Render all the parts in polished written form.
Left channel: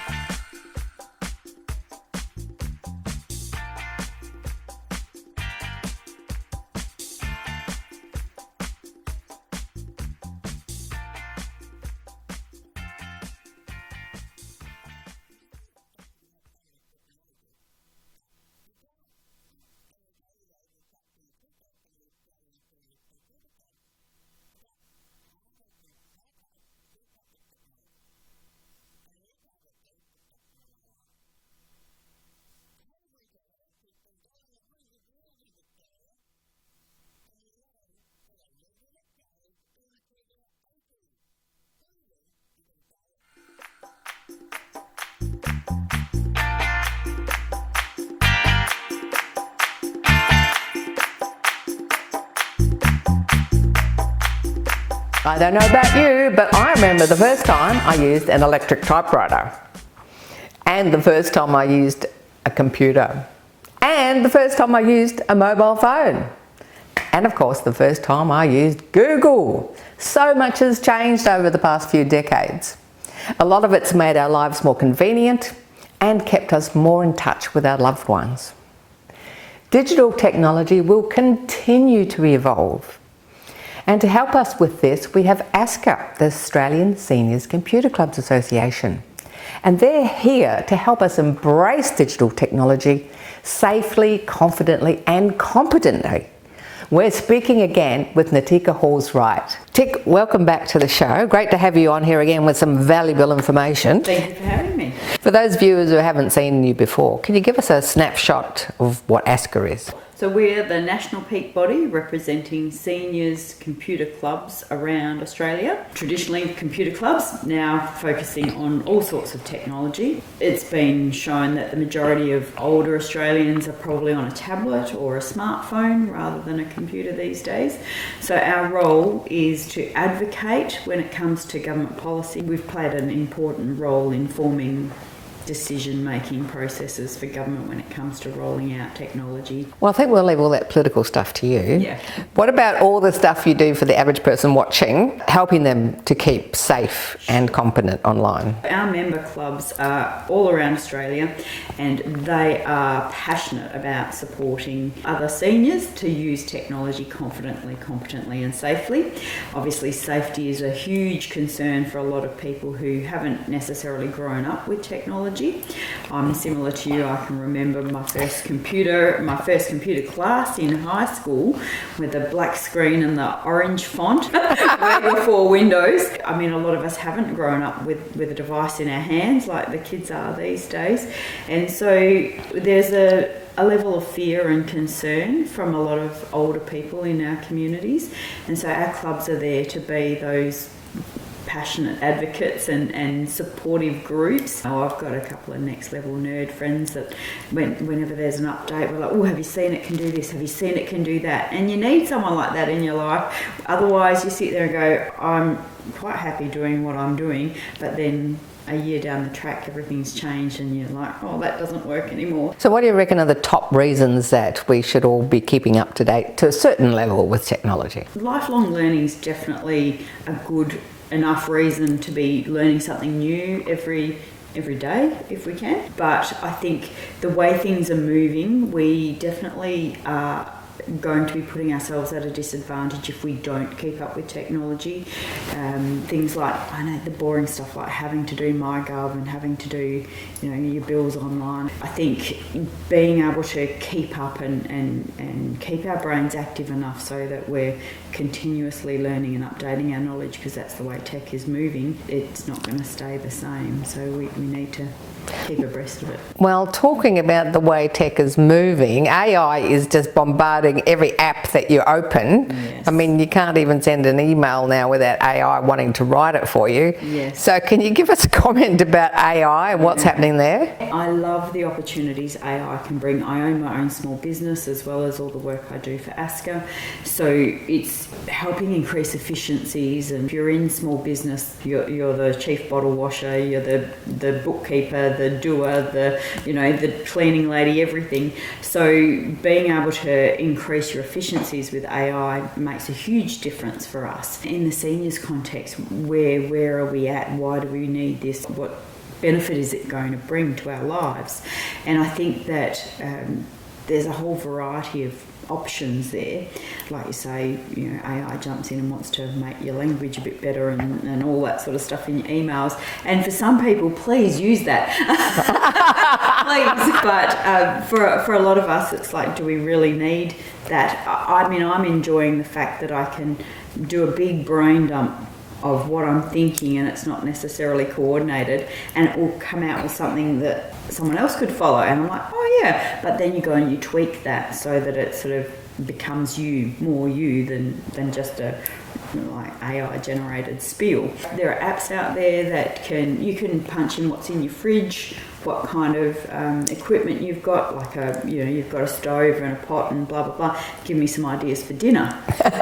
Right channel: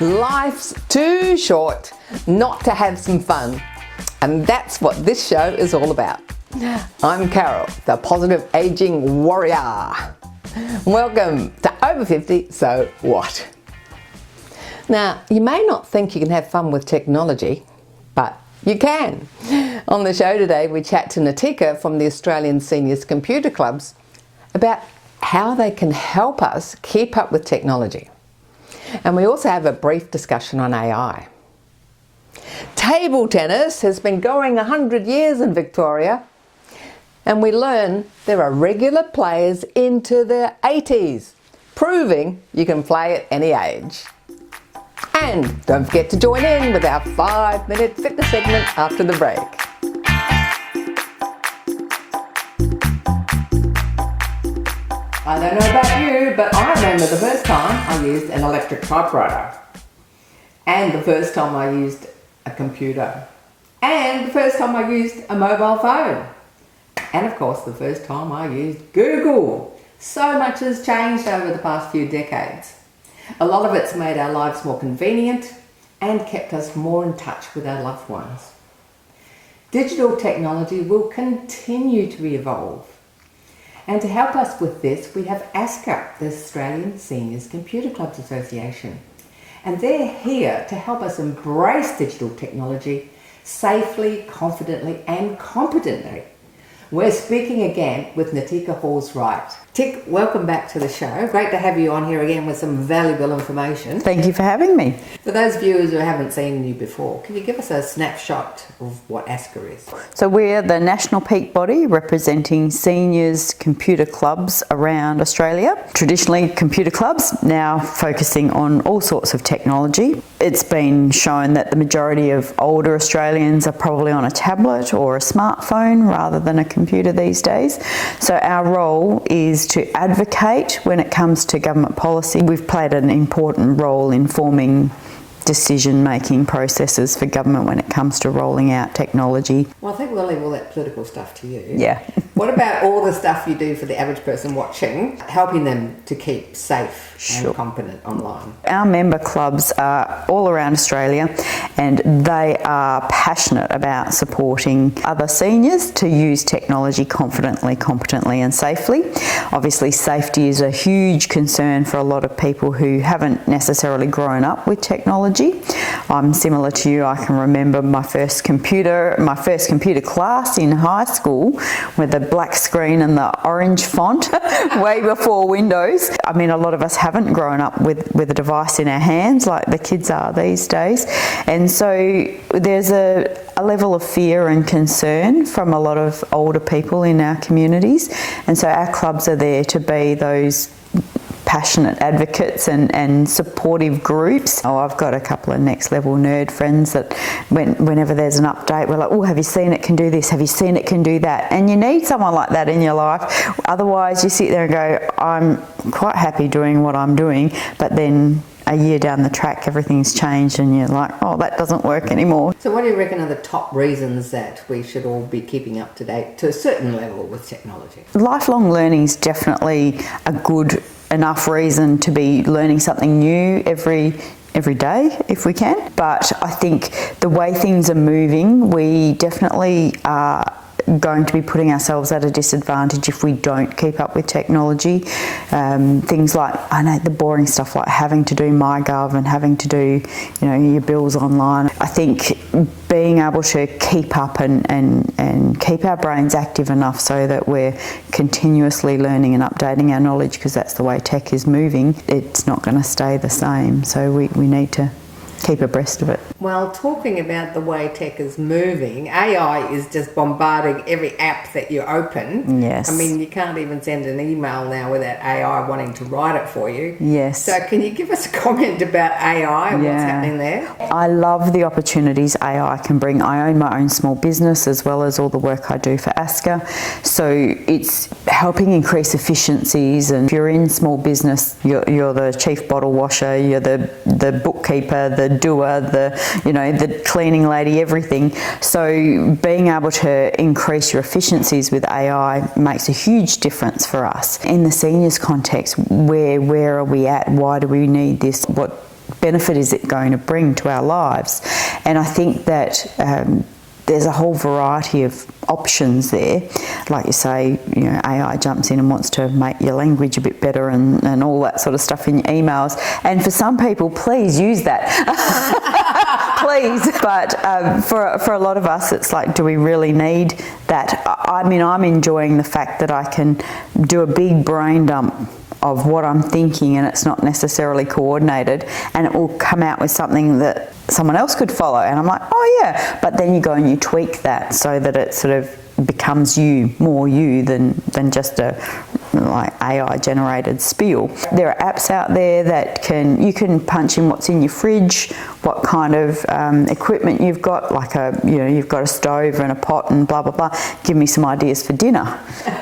Life's too short not to have some fun, and that's what this show is all about. I'm Carol, the positive aging warrior. Welcome to Over 50, So What? Now, you may not think you can have fun with technology, but you can. On the show today, we chat to Natika from the Australian Seniors Computer Clubs about how they can help us keep up with technology. And we also have a brief discussion on AI. Table tennis has been going 100 years in Victoria, and we learn there are regular players into their 80s, proving you can play at any age. And don't forget to join in with our 5-minute fitness segment after the break. I don't know about you, but I remember the first time I used an electric typewriter, and the first time I used a computer, and the first time I used a mobile phone, and of course the first time I used Google. So much has changed over the past few decades. A lot of it's made our lives more convenient and kept us more in touch with our loved ones. Digital technology will continue to evolve. And to help us with this, we have ASCCA, the Australian Seniors Computer Clubs Association. And they're here to help us embrace digital technology safely, confidently and competently. We're speaking again with Natika Halls-Wright. Tick, welcome back to the show. Great to have you on here again with some valuable information. Thank you for having me. For those viewers who haven't seen you before, can you give us a snapshot of what ASCCA is? So we're the national peak body representing seniors computer clubs around Australia. Traditionally computer clubs, now focusing on all sorts of technology. It's been shown that the majority of older Australians are probably on a tablet or a smartphone rather than a computer these days. So our role is to advocate when it comes to government policy. We've played an important role in forming decision-making processes for government when it comes to rolling out technology. Well, I think we'll leave all that political stuff to you. Yeah. What about all the stuff you do for the average person watching, helping them to keep safe and competent online? Our member clubs are all around Australia, and they are passionate about supporting other seniors to use technology confidently, competently and safely. Obviously, safety is a huge concern for a lot of people who haven't necessarily grown up with technology. I'm similar to you. I can remember my first computer class in high school with the black screen and the orange font way before Windows. I mean, a lot of us haven't grown up with a device in our hands like the kids are these days. And so there's a level of fear and concern from a lot of older people in our communities. And so our clubs are there to be those passionate advocates and supportive groups. Oh, I've got a couple of next level nerd friends that whenever there's an update, we're like, oh, have you seen it can do this? Have you seen it can do that? And you need someone like that in your life. Otherwise you sit there and go, I'm quite happy doing what I'm doing, but then a year down the track everything's changed and you're like, oh, that doesn't work anymore. So what do you reckon are the top reasons that we should all be keeping up to date to a certain level with technology? Lifelong learning is definitely a good enough reason to be learning something new every day if we can. But I think the way things are moving, we definitely are going to be putting ourselves at a disadvantage if we don't keep up with technology. Things like, I know, the boring stuff like having to do MyGov and having to do, your bills online. I think being able to keep up and keep our brains active enough so that we're continuously learning and updating our knowledge, because that's the way tech is moving, it's not going to stay the same. So we need to keep abreast of it. Well, talking about the way tech is moving, AI is just bombarding every app that you open. Yes. I mean, you can't even send an email now without AI wanting to write it for you. Yes. So can you give us a comment about AI and what's happening there? I love the opportunities AI can bring. I own my own small business as well as all the work I do for ASCCA. So it's helping increase efficiencies, and if you're in small business, you're the chief bottle washer, you're the bookkeeper, the doer, the cleaning lady, everything. So being able to increase your efficiencies with AI makes a huge difference for us. In the seniors context, where are we at? Why do we need this? What benefit is it going to bring to our lives? And I think that there's a whole variety of options there. Like you say, AI jumps in and wants to make your language a bit better and all that sort of stuff in your emails. And for some people, please use that. Please. But for a lot of us, it's like, do we really need that? I mean, I'm enjoying the fact that I can do a big brain dump of what I'm thinking, and it's not necessarily coordinated, and it will come out with something that someone else could follow, and I'm like, oh yeah, but then you go and you tweak that so that it sort of becomes more you than just a like AI generated spiel. There are apps out there that you can punch in what's in your fridge, what kind of equipment you've got, like you've got a stove and a pot and blah blah blah. Give me some ideas for dinner.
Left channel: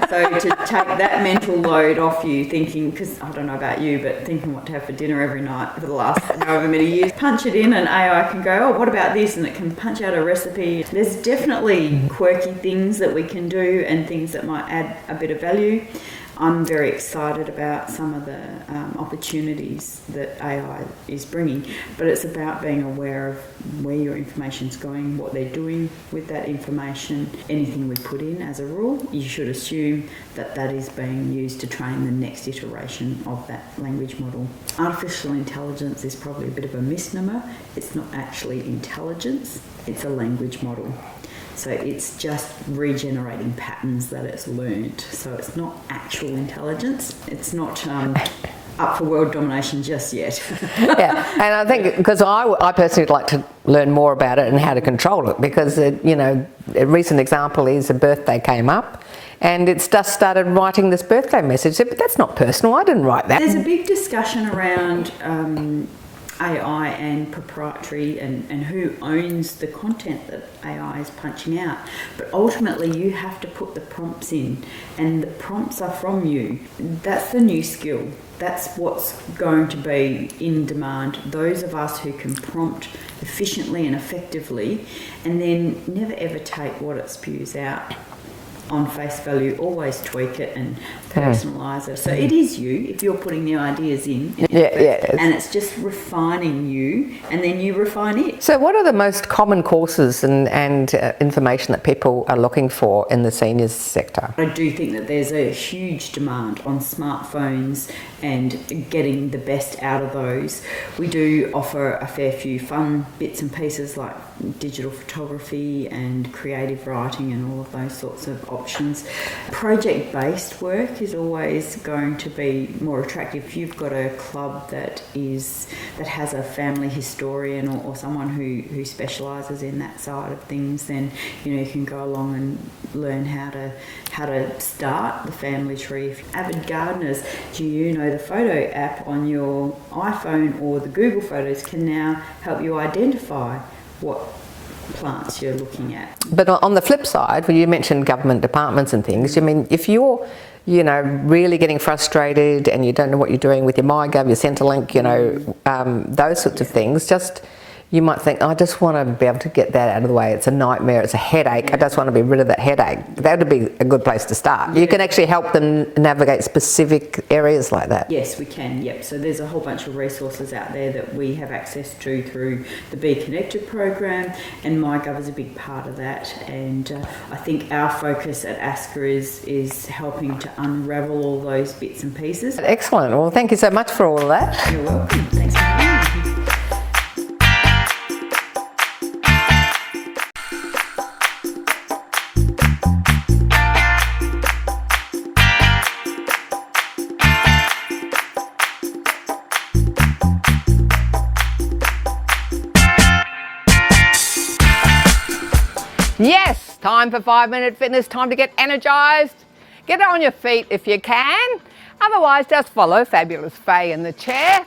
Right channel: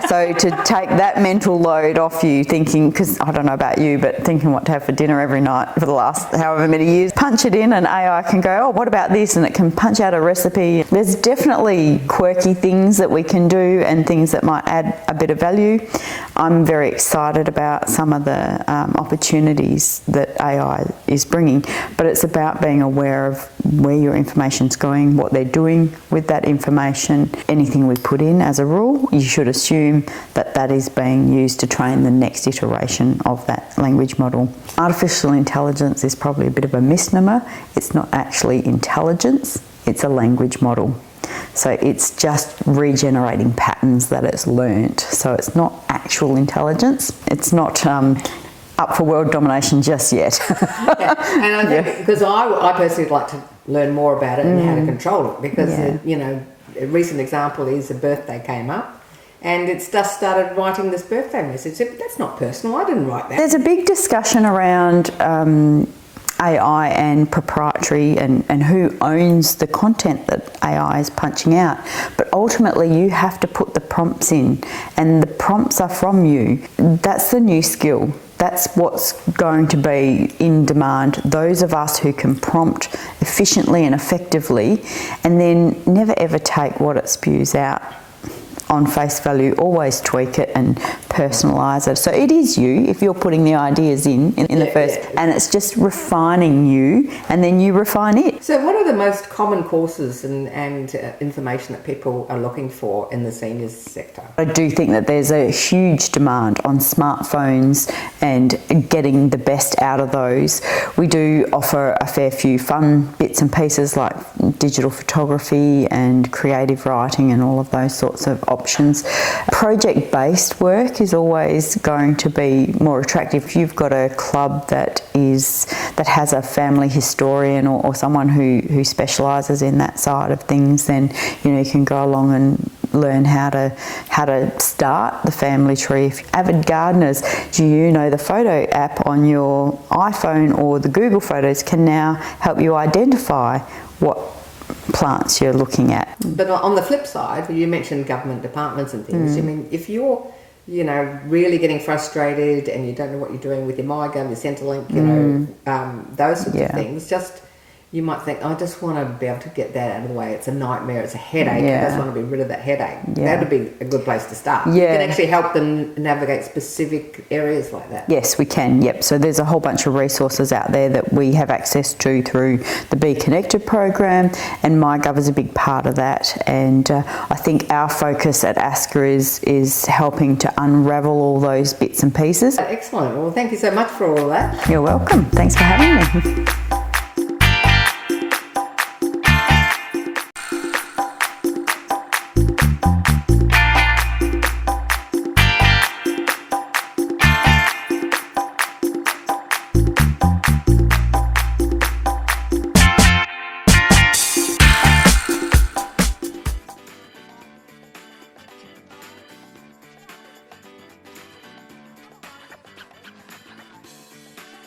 So to take that mental load off you, thinking, because I don't know about you, but thinking what to have for dinner every night for the last however many years, punch it in and AI can go, oh, what about this? And it can punch out a recipe. There's definitely quirky things that we can do and things that might add a bit of value. I'm very excited about some of the opportunities that AI is bringing, but it's about being aware of where your information's going, what they're doing with that information. Anything we put in as a rule, you should assume that that is being used to train the next iteration of that language model. Artificial intelligence is probably a bit of a misnomer. It's not actually intelligence, it's a language model. So it's just regenerating patterns that it's learnt. So it's not actual intelligence. It's not up for world domination just yet. Yeah, and I think because I personally would like to learn more about it and how to control it, because a recent example is a birthday came up and it's just started writing this birthday message. But that's not personal. I didn't write that. There's a big discussion around AI and proprietary and who owns the content that AI is punching out. But ultimately you have to put the prompts in, and the prompts are from you. That's the new skill. That's what's going to be in demand. Those of us who can prompt efficiently and effectively, and then never ever take what it spews out on face value, always tweak it and personalise it. So it is you if you're putting the ideas in the first, and it's just refining you, and then you refine it. So what are the most common courses and information that people are looking for in the seniors sector? I do think that there's a huge demand on smartphones and getting the best out of those. We do offer a fair few fun bits and pieces like digital photography and creative writing and all of those sorts of options. Project-based work is always going to be more attractive. If you've got a club that has a family historian or someone who specialises in that side of things, then you can go along and learn how to start the family tree. If you're avid gardeners, the photo app on your iPhone or the Google Photos can now help you identify what plants you're looking at. But on the flip side, when you mentioned government departments and things, I mean, if you're really getting frustrated and you don't know what you're doing with your MyGov, your Centrelink, those sorts of things, you might think, I just want to be able to get that out of the way. It's a nightmare, it's a headache. I just want to be rid of that headache. That would be a good place to start. You can actually help them navigate specific areas like that. Yes, we can, yep. So there's a whole bunch of resources out there that we have access to through the Be Connected program, and MyGov is a big part of that. And I think our focus at ASCCA is helping to unravel all those bits and pieces. Excellent. Well, thank you so much for all of that. You're welcome. Thanks for having me. Time for 5-minute fitness, time to get energized. Get on your feet if you can. Otherwise, just follow Fabulous Faye in the chair.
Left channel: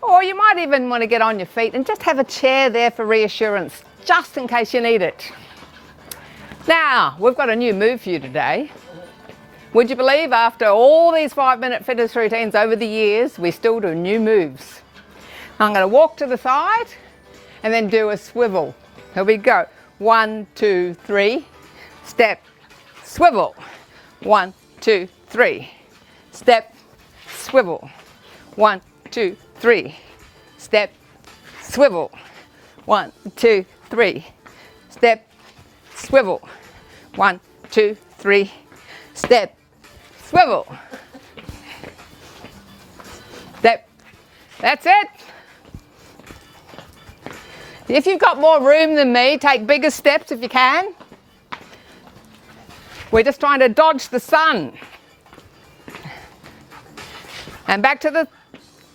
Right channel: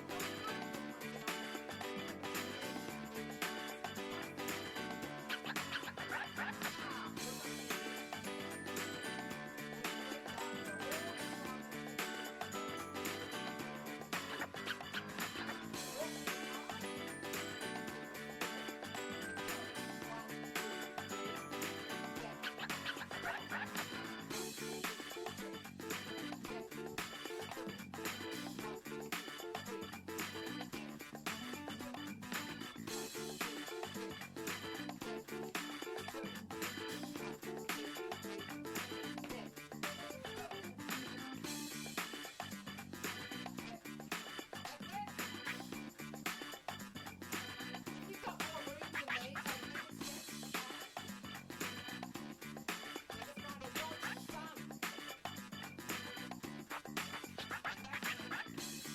Or you might even want to get on your feet and just have a chair there for reassurance, just in case you need it. Now, we've got a new move for you today. Would you believe after all these 5-minute fitness routines over the years, we still do new moves? I'm going to walk to the side and then do a swivel. Here we go. 1, 2, 3. Step, swivel. 1, 2, 3. Step, swivel. 1, 2, 3. Step, swivel. 1, 2, 3. Step, swivel. 1, 2, 3. Step, swivel. Step. That's it. If you've got more room than me, take bigger steps if you can. We're just trying to dodge the sun. And back to the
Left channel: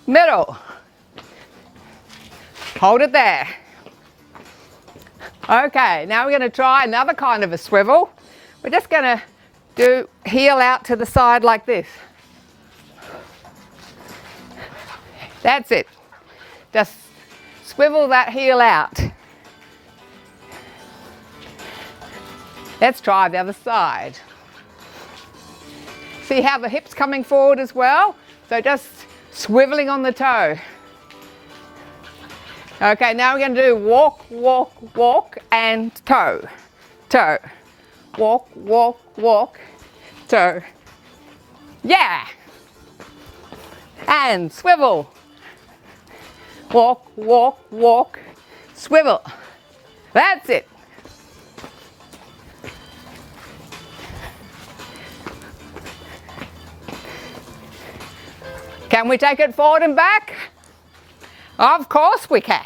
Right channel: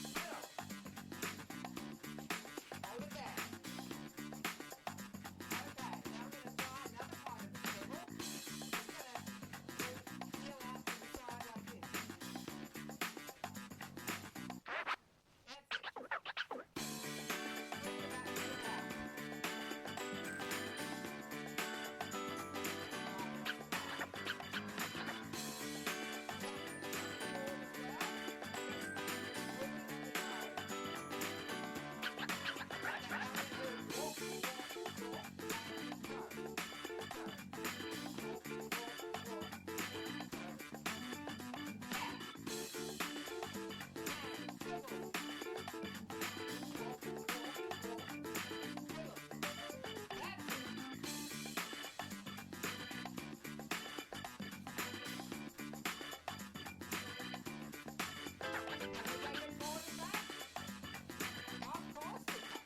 middle. Hold it there. Okay, now we're going to try another kind of a swivel. We're just going to do heel out to the side like this. That's it. Just swivel that heel out. Let's try the other side. See how the hip's coming forward as well? So just swiveling on the toe. Okay, now we're going to do walk, walk, walk and toe. Toe. Walk, walk, walk, toe. Yeah! And swivel. Walk, walk, walk, swivel. That's it. Can we take it forward and back? Of course we can.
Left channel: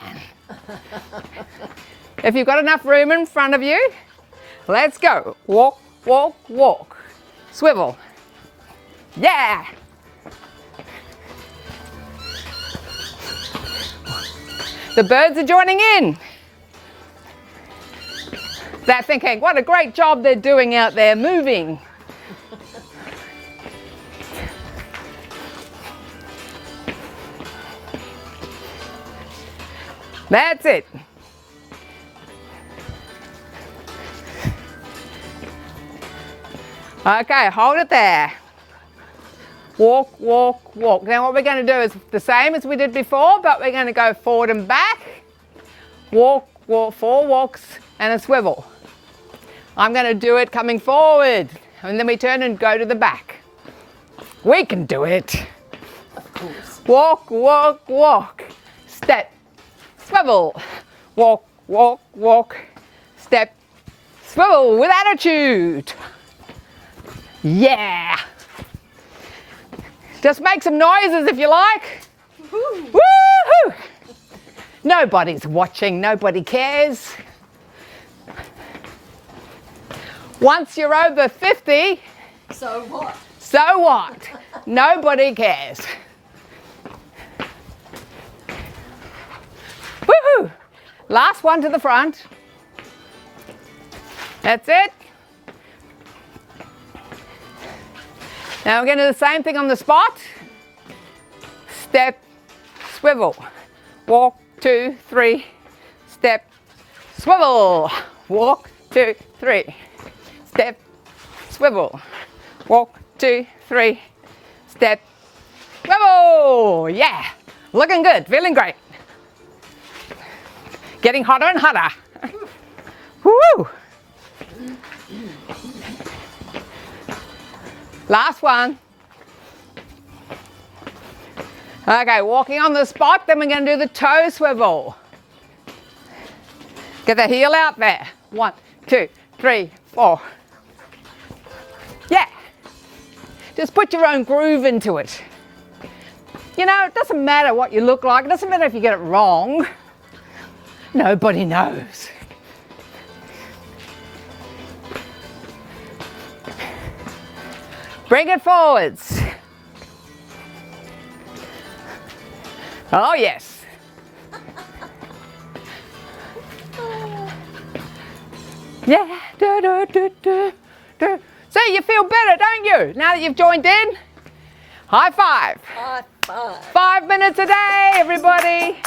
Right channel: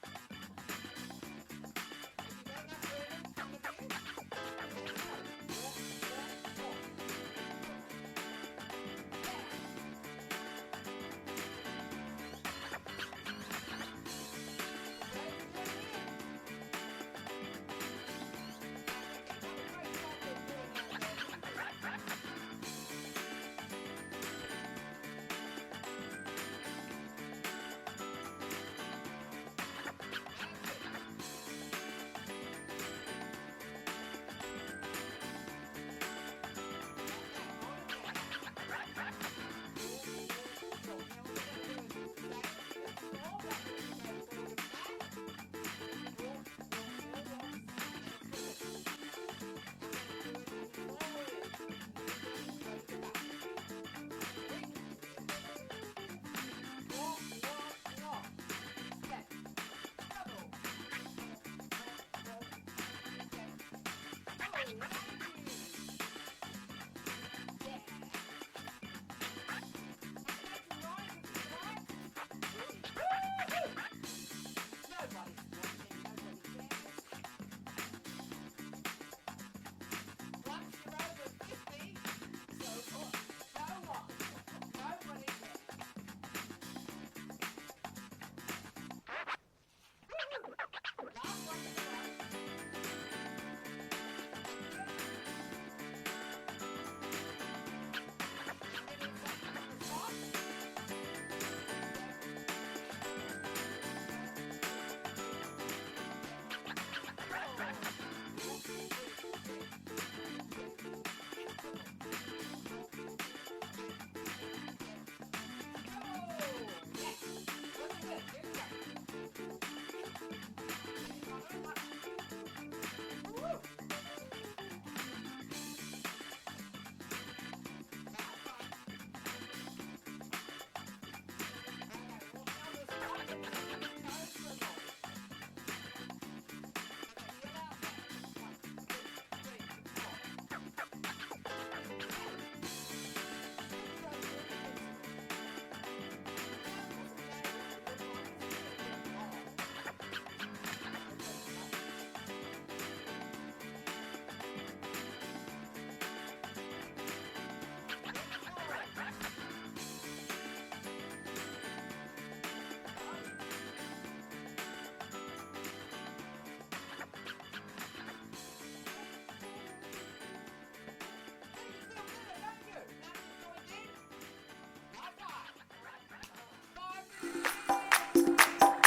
If you've got enough room in front of you, let's go. Walk, walk, walk. Swivel. Yeah. The birds are joining in. They're thinking, what a great job they're doing out there moving. That's it. Okay, hold it there. Walk, walk, walk. Now what we're going to do is the same as we did before, but we're going to go forward and back. Walk, walk, 4 walks and a swivel. I'm going to do it coming forward, and then we turn and go to the back. We can do it. Of course. Walk, walk, walk. Step, swivel. Walk, walk, walk. Step, swivel with attitude. Yeah. Just make some noises if you like. Woo-hoo! Nobody's watching, nobody cares. Once you're over 50, So what? so what? Nobody cares. Woohoo! Last one to the front. That's it. Now we're going to do the same thing on the spot. Step, swivel. Walk, 2, 3. Step, swivel. Walk, 2, 3. Step, swivel. Walk, 2, 3. Step, swivel. Yeah, looking good, feeling great. Getting hotter and hotter. Woo! Last one. Okay, walking on the spot, then we're going to do the toe swivel. Get the heel out there. 1, 2, 3, 4. Yeah. Just put your own groove into it. You know, it doesn't matter what you look like. It doesn't matter if you get it wrong. Nobody knows. Bring it forwards. Oh, yes. Yeah. Do, do, do, do, do. See, you feel better, don't you? Now that you've joined in. High five. High five. 5 minutes a day, everybody.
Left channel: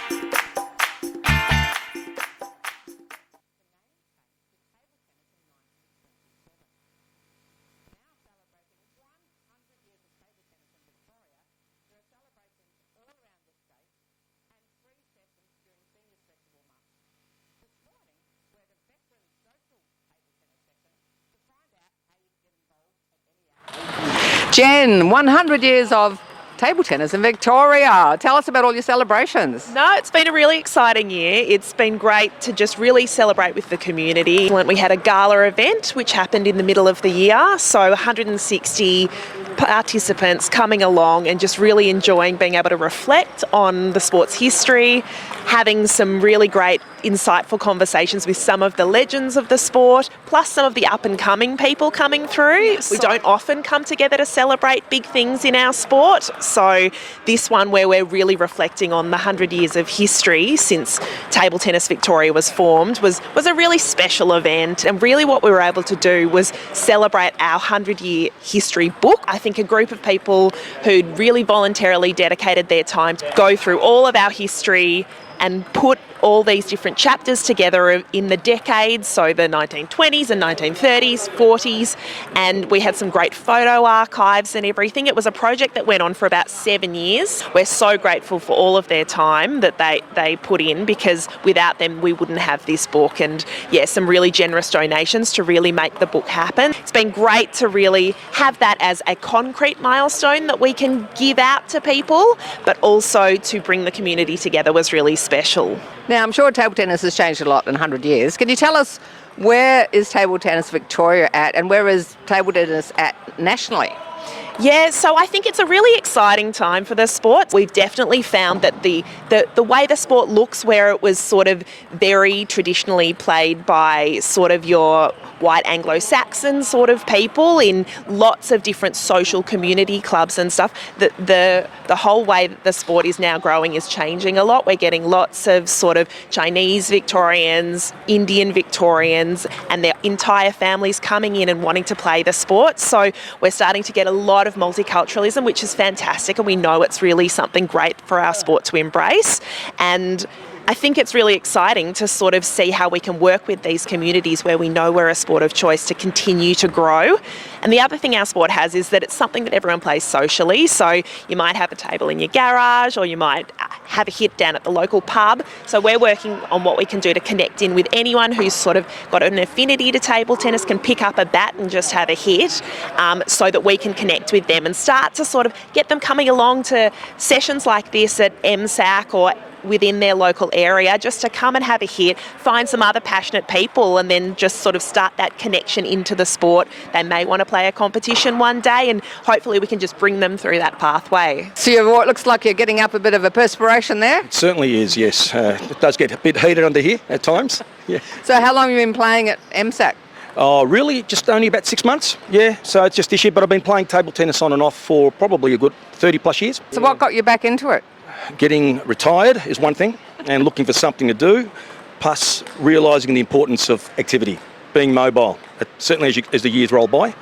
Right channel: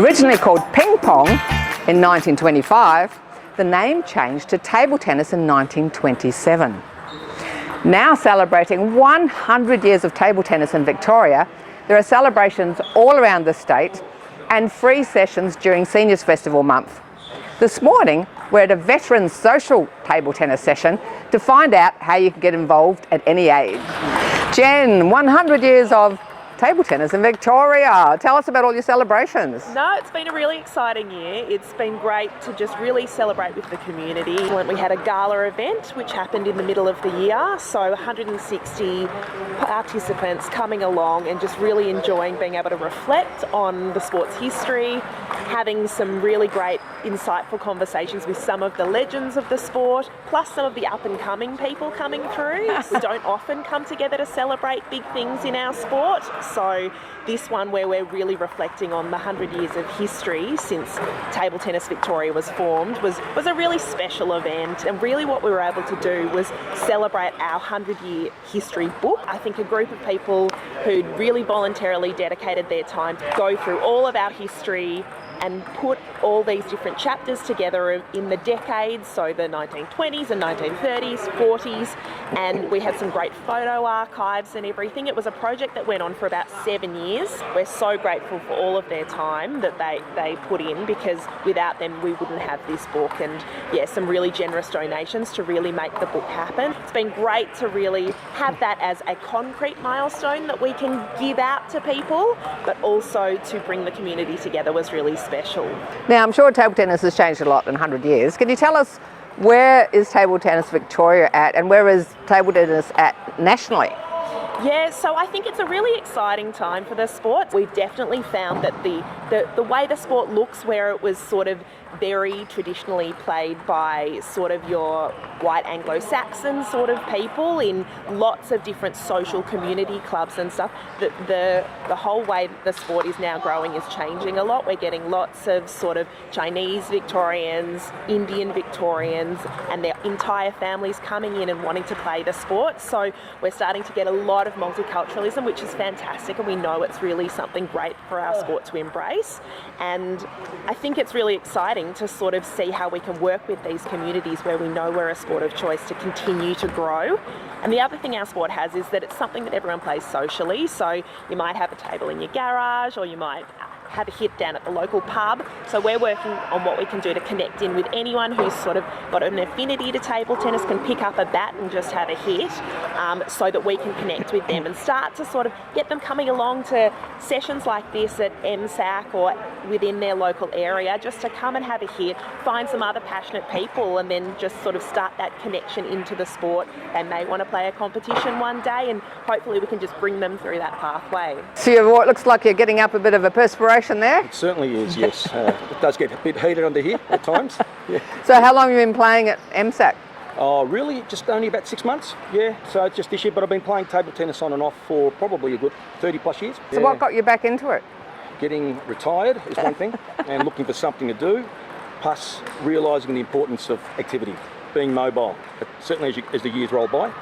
Originally called ping pong in 1925, the name changed to table tennis in 1927. Now celebrating 100 years of table tennis in Victoria, there are celebrations all around the state and free sessions during Seniors Festival month. This morning, we're at a veterans social table tennis session to find out how you can get involved at any age. Jen, 100 years of table tennis in Victoria. Tell us about all your celebrations. No, it's been a really exciting year. It's been great to just really celebrate with the community. We had a gala event which happened in the middle of the year, so 160 participants coming along and just really enjoying being able to reflect on the sport's history, having some really great insightful conversations with some of the legends of the sport, plus some of the up-and-coming people coming through. We don't often come together to celebrate big things in our sport, so this one where we're really reflecting on the 100 years of history since Table Tennis Victoria was formed was a really special event, and really what we were able to do was celebrate our 100-year history book. I think a group of people who'd really voluntarily dedicated their time to go through all of our history and put all these different chapters together in the decades, so the 1920s and 1930s, 40s, and we had some great photo archives and everything. It was a project that went on for about 7 years. We're so grateful for all of their time that they put in, because without them we wouldn't have this book, and yeah, some really generous donations to really make the book happen. It's been great to really have that as a concrete milestone that we can give out to people, but also to bring the community together was really special. Now, I'm sure table tennis has changed a lot in 100 years. Can you tell us, where is Table Tennis Victoria at, and where is table tennis at nationally? Yeah, so I think it's a really exciting time for the sport. We've definitely found that the way the sport looks, where it was sort of very traditionally played by sort of your white Anglo-Saxon sort of people in lots of different social community clubs and stuff, the whole way that the sport is now growing is changing a lot. We're getting lots of sort of Chinese Victorians, Indian Victorians, and their entire families coming in and wanting to play the sport. So we're starting to get a lot of multiculturalism, which is fantastic, and we know it's really something great for our sport to embrace. And I think it's really exciting to sort of see how we can work with these communities where we know we're a sport of choice to continue to grow. And the other thing our sport has is that it's something that everyone plays socially. So you might have a table in your garage, or you might have a hit down at the local pub. So we're working on what we can do to connect in with anyone who's sort of got an affinity to table tennis, can pick up a bat and just have a hit, so that we can connect with them and start to sort of get them coming along to sessions like this at ASCCA or within their local area, just to come and have a hit, find some other passionate people, and then just sort of start that connection into the sport. They may want to play a competition one day, and hopefully we can just bring them through that pathway. So it looks like you're getting up a bit of a perspiration there. It certainly is, yes. It does get a bit heated under here at times. Yeah. So how long have you been playing at ASCCA? Oh, really? Just only about 6 months? Yeah, so it's just this year, but I've been playing table tennis on and off for probably a good 30 plus years. So what got you back into it? Getting retired is one thing, and looking for something to do, plus realising the importance of activity, being mobile. Certainly as the years roll by,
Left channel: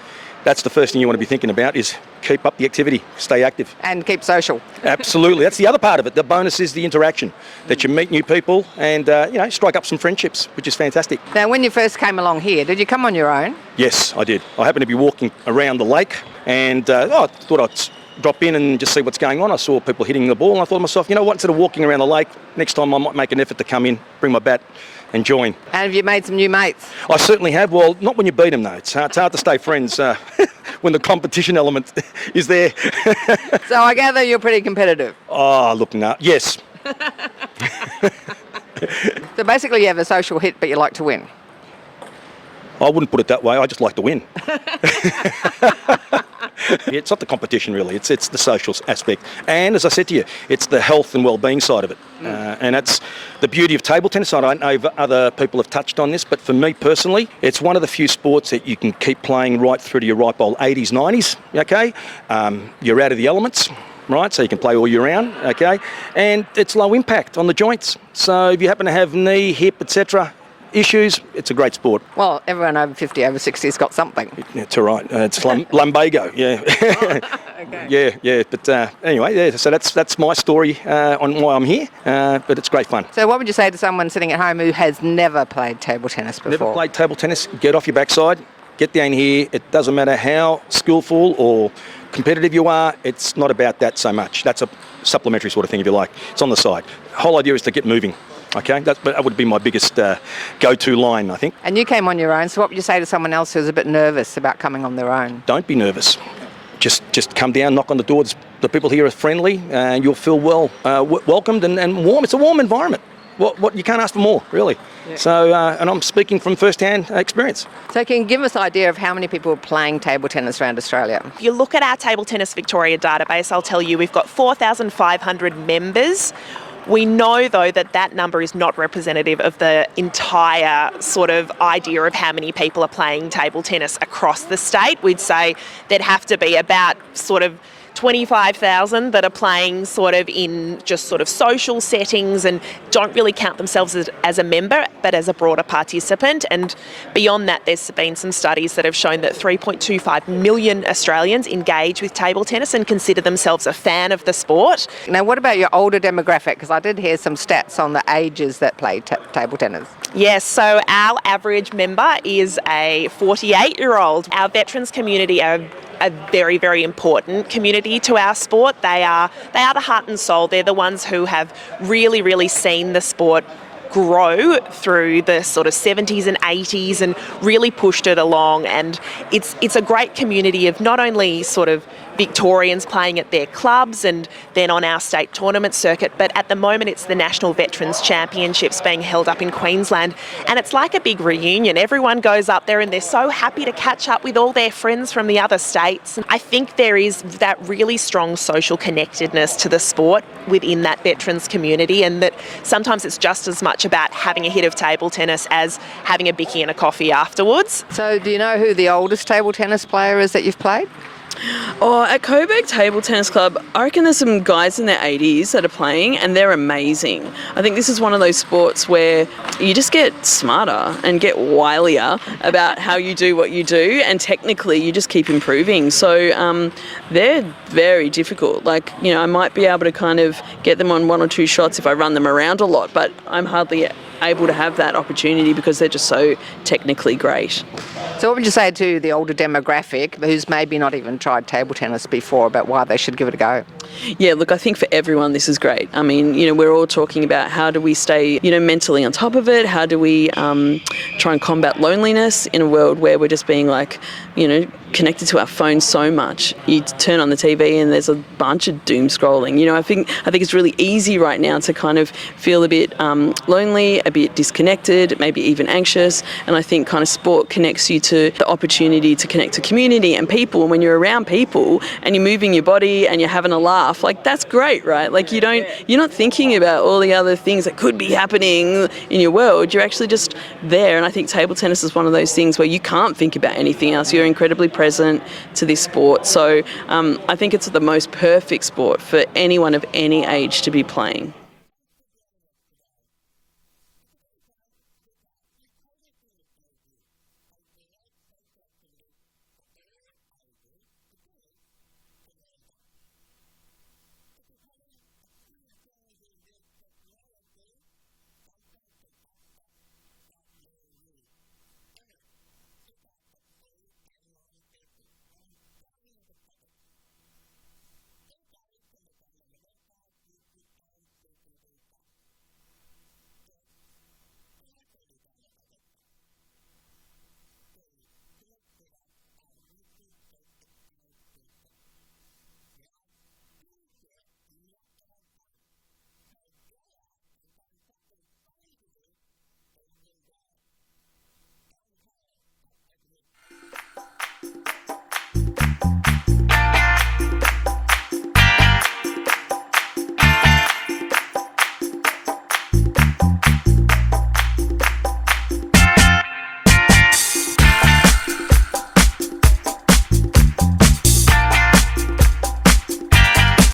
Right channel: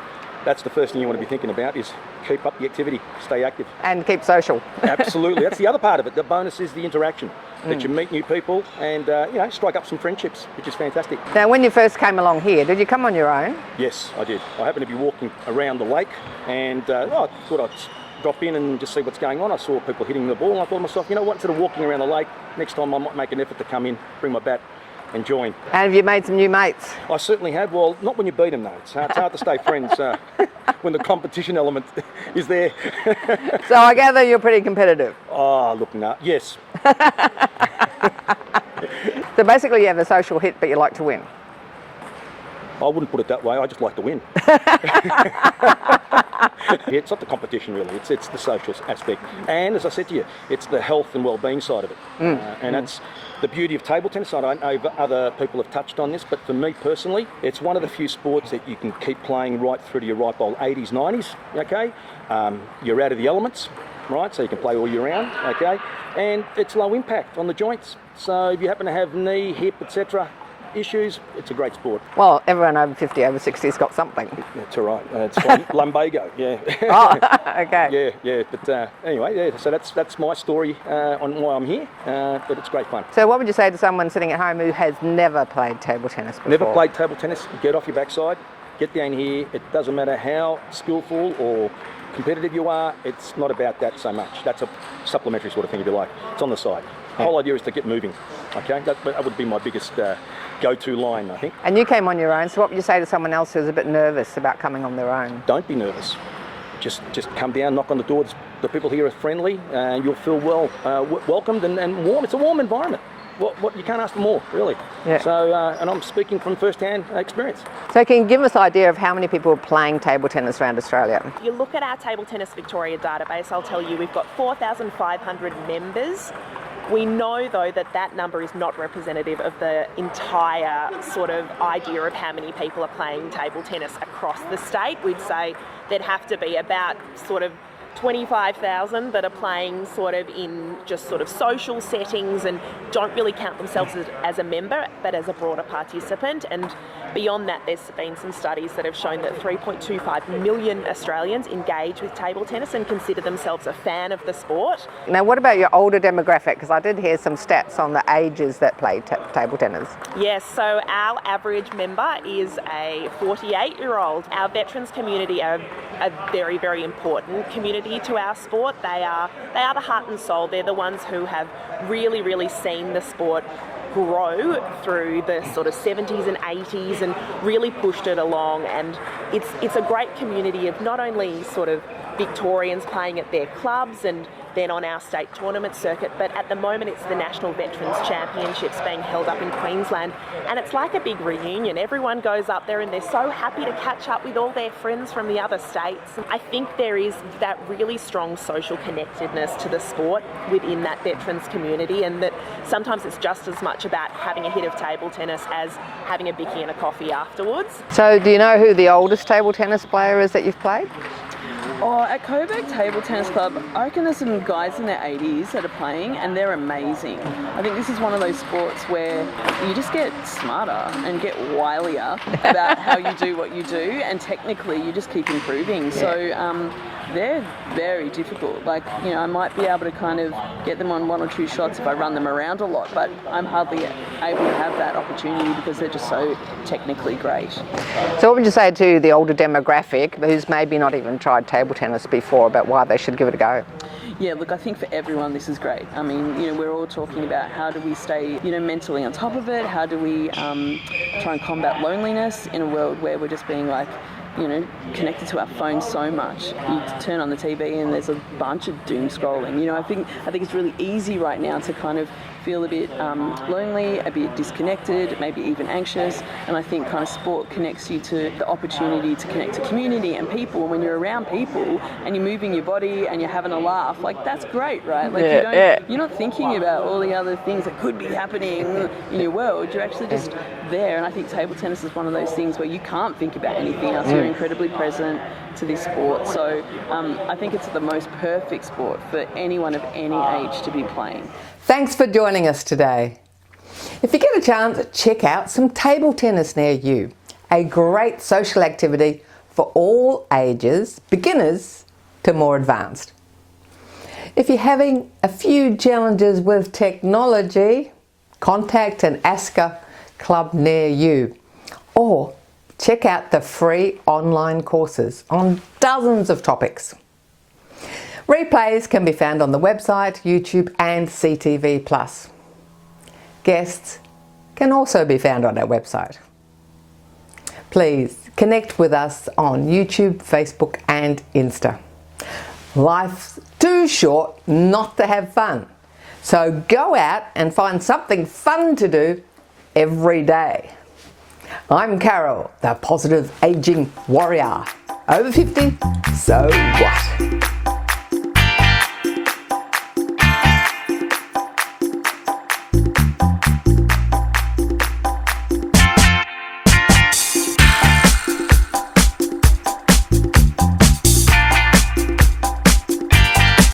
that's the first thing you want to be thinking about, is keep up the activity, stay active. And keep social. Absolutely, that's the other part of it. The bonus is the interaction, that you meet new people and strike up some friendships, which is fantastic. Now, when you first came along here, did you come on your own? Yes, I did. I happened to be walking around the lake, and I thought I'd drop in and just see what's going on. I saw people hitting the ball, and I thought to myself, you know what, instead of walking around the lake, next time I might make an effort to come in, bring my bat and join. And have you made some new mates? I certainly have. Well, not when you beat them though. It's hard to stay friends when the competition element is there. So I gather you're pretty competitive. Oh, look, no. Yes. So basically you have a social hit, but you like to win. I wouldn't put it that way. I just like to win. It's not the competition really, it's the social aspect. And as I said to you, it's the health and well-being side of it. And that's the beauty of table tennis. I don't know if other people have touched on this, but for me personally, it's one of the few sports that you can keep playing right through to your ripe old 80s, 90s, okay? You're out of the elements, right? So you can play all year round, okay? And it's low impact on the joints. So if you happen to have knee, hip, etc. issues, it's a great sport. Well, everyone over 50, over 60 has got something. Yeah, it's all right. It's lumbago, yeah. Oh, okay. Yeah. But anyway, yeah. So that's my story on why I'm here. But it's great fun. So what would you say to someone sitting at home who has never played table tennis before? Never played table tennis. Get off your backside. Get down here. It doesn't matter how skillful or competitive you are. It's not about that so much. That's a supplementary sort of thing, if you like. It's on the side. The whole idea is to get moving. Okay, that would be my biggest go-to line, I think. And you came on your own, so what would you say to someone else who's a bit nervous about coming on their own? Don't be nervous. Just come down, knock on the door. The people here are friendly, and you'll feel welcomed and warm. It's a warm environment. What you can't ask for more, really. Yeah. So, and I'm speaking from first-hand experience. So can you give us an idea of how many people are playing table tennis around Australia? If you look at our Table Tennis Victoria database, I'll tell you we've got 4,500 members. We know, though, that number is not representative of the entire sort of idea of how many people are playing table tennis across the state. We'd say there'd have to be about sort of 25,000 that are playing sort of in just sort of social settings and don't really count themselves as a member, but as a broader participant. And beyond that, there's been some studies that have shown that 3.25 million Australians engage with table tennis and consider themselves a fan of the sport. Now, what about your older demographic? Because I did hear some stats on the ages that play table tennis. Yes, so our average member is a 48-year-old. Our veterans community are a very, very important community to our sport. They are the heart and soul. They're the ones who have really, really seen the sport grow through the sort of 70s and 80s and really pushed it along. And it's a great community of not only sort of Victorians playing at their clubs and then on our state tournament circuit, but at the moment it's the National Veterans Championships being held up in Queensland, and it's like a big reunion. Everyone goes up there and they're so happy to catch up with all their friends from the other states. I think there is that really strong social connectedness to the sport within that veterans community, and that sometimes it's just as much about having a hit of table tennis as having a bicky and a coffee afterwards. So do you know who the oldest table tennis player is that you've played? Oh, at Coburg Table Tennis Club, I reckon there's some guys in their 80s that are playing and they're amazing. I think this is one of those sports where you just get smarter and get wilier about how you do what you do, and technically you just keep improving. So they're very difficult. Like, you know, I might be able to kind of get them on one or two shots if I run them around a lot, but I'm hardly able to have that opportunity because they're just so technically great. So what would you say to the older demographic who's maybe not even tried table tennis before about why they should give it a go? Yeah, look, I think for everyone this is great. I mean, you know, we're all talking about how do we stay, you know, mentally on top of it? How do we try and combat loneliness in a world where we're just being like, you know, connected to our phones so much. You turn on the TV and there's a bunch of doom scrolling. You know, I think it's really easy right now to kind of feel a bit lonely, a bit disconnected, maybe even anxious. And I think kind of sport connects you to the opportunity to connect to community and people. And when you're around people and you're moving your body and you're having a laugh, like that's great, right? Like you're not thinking about all the other things that could be happening in your world. You're actually just there. And I think table tennis is one of those things where you can't think about anything else. You're incredibly present to this sport. So I think it's the most perfect sport for anyone of any age to be playing. Thanks for joining us today. If you get a chance, check out some table tennis near you. A great social activity for all ages, beginners to more advanced. If you're having a few challenges with technology, contact an ASCCA club near you, or check out the free online courses on dozens of topics. Replays can be found on the website, YouTube and CTV+. Guests can also be found on our website. Please connect with us on YouTube, Facebook and Insta. Life's too short not to have fun. So go out and find something fun to do every day. I'm Carol, the Positive Aging Warrior. Over 50, so what?